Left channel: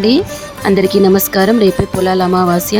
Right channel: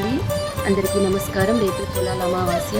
అండి, అందరికీ నమస్కారం. రేపే పొలాల అమావాస్య.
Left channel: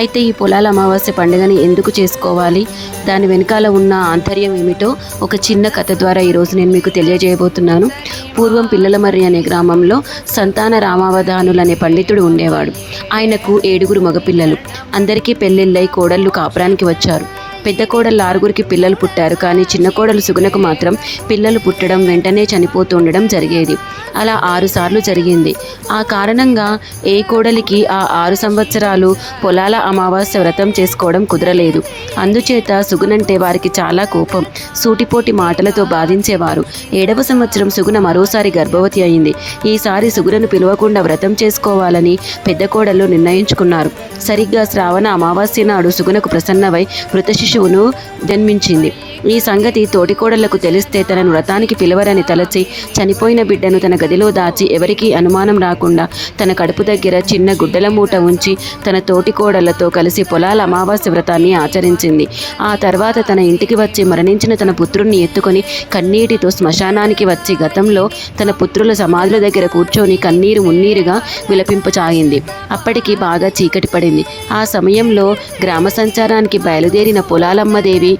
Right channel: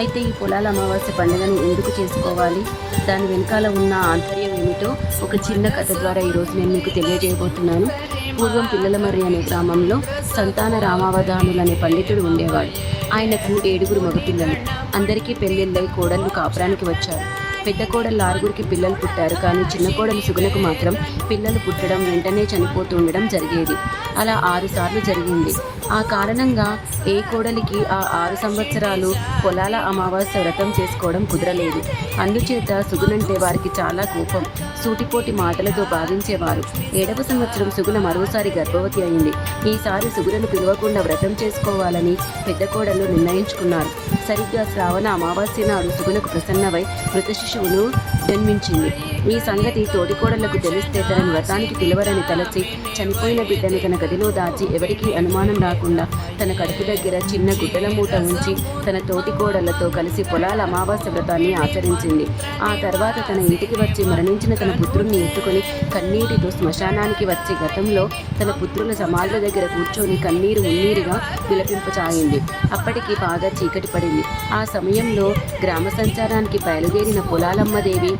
అయితే ఈ పొలాల అమావాస్య పండుగని ఎందుకు చేసుకోవాలి, దాని వెనకాల ఉన్న ఆంతర్యం ఏమిటో ఒక చిన్న కథ ద్వారా ఈరోజు నేను మీకు తెలియజేయబోతున్నాను. పూర్వం పిల్లలమర్రి అనే గ్రామంలో సంతాన రామావధానులు అనే పండితుడు ఉండేవాడు. ఆయనకు 7 మగపిల్లలు. అందరికీ పెళ్ళిళ్ళై కోడళ్ళు కాపురానికి వచ్చారు. పెద్ద కోడళ్ళు 6 పిల్లలు పుట్టారు. కానీ చిన్న కోడలు సుగుణకు మాత్రం పిల్లలు పుట్టడం వెంటనే చనిపోతూ ఉండడం జరిగేది. అలా 6 సార్లు జరిగింది. ఆ కారణంగా ఏ కోడలికి ఆ 6 సంవత్సరాలు పొలాల అమావాస్య వ్రతం చేసుకోవడం కుదరలేదు. అందుచేత సుగుణంటే వారికి చాలా కోపం. సూటిపోటి మాటలతో బాధించేవారు. 7వ సంవత్సరం సుగుణ మరోసారి గర్భవతి అయింది. ఈసారి సుగుణను పిలవకుండా వ్రతం చేసుకోవాలని పెద్ద కోడళ్ళు నిర్ణయించుకున్నారు. సరిగ్గా శ్రావణ అమావాస్య నాడు సుగుణకు ప్రసన్నమై మృత శిశువును జన్మించింది. ఈ సంగతి తోటికోడళ్లకు తెలిస్తే తనను వ్రతానికి పిలవరని తలచి చనిపోయిన బిడ్డను తన గదిలో దాచి ఎవరికీ అనుమానం రాకుండా తన కడుపు దగ్గర చిన్న గుడ్డల మూట ఉంచి తన తోటికోడళ్లతో కలిసి పొలాల అమావాస్య వ్రతాన్ని ఆచరించింది. ఆ తర్వాత తన ఇంటికి వచ్చి మరణించిన తన పుత్రుణ్ణి ఎత్తుకొని కన్నీటితో శ్మశానానికి వచ్చి గతంలో తన పుత్రుల సమాధుల దగ్గర కూర్చొని కన్నీరు మున్నీరుగా విలపింపచాయింది. అప్పటికి బాగా చీకటి పడింది. ఆ సమయంలో గ్రామ సంచారానికి బయలుదేరిన పొలాలమ్మదేవి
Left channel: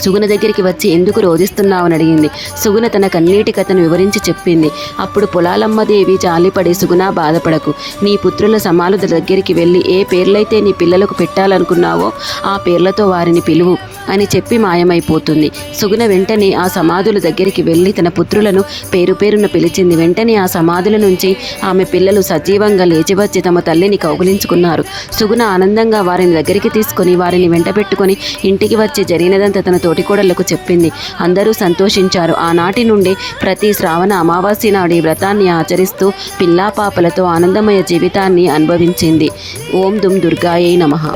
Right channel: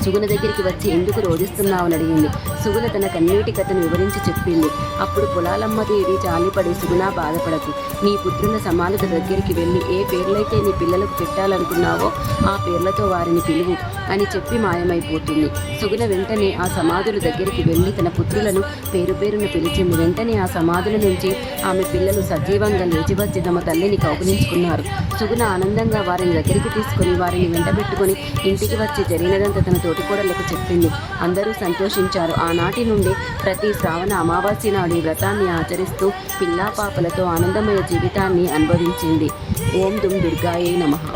సుగుణ దగ్గరికి వచ్చి ఎందుకు రోధిస్తున్నావని అడిగింది. సుగుణ తన కన్నీటి కథను వివరించి చెప్పింది. అప్పుడు పొలాలమ్మదేవి జాలిపడి, సుగుణ బాధపడకు, నీ పుత్రుల సమాధుల దగ్గరికి వెళ్ళి ఏ పేర్లైతే నీ పిల్లలకు పెట్టాలనుకున్నావో ఆ పేర్లతో వారిని పిలువు అని చెప్పి మాయమైపోతుంది. సుగుణ వెంటనే ఆ సమాధుల దగ్గరికి వెళ్ళి తన పుత్రులను పేరు పేరున పిలిచింది. వెంటనే ఆ సమాధుల నుంచి ఆమె పిల్లలు సజీవంగా లేచి వచ్చి తమ తల్లిని కౌగిలించుకున్నారు. సుగుణ ఆనందంగా వారిని దగ్గరికి తీసుకొని వారిని వెంటబెట్టుకొని ఇంటికి వచ్చి జరిగినదంతా తన తోటికోడళ్లకు చెప్పింది. అందరూ సంతోషించారు. ఆనాటి నుండి ప్రతి శ్రావణ అమావాస్య నాడు ఈ వ్రతాన్ని ఆచరిస్తూ పిల్లా పాపలతో ఆనందమయ జీవితాన్ని అనుభవించింది. ఓం దుమ్ దుర్గాయై నమః.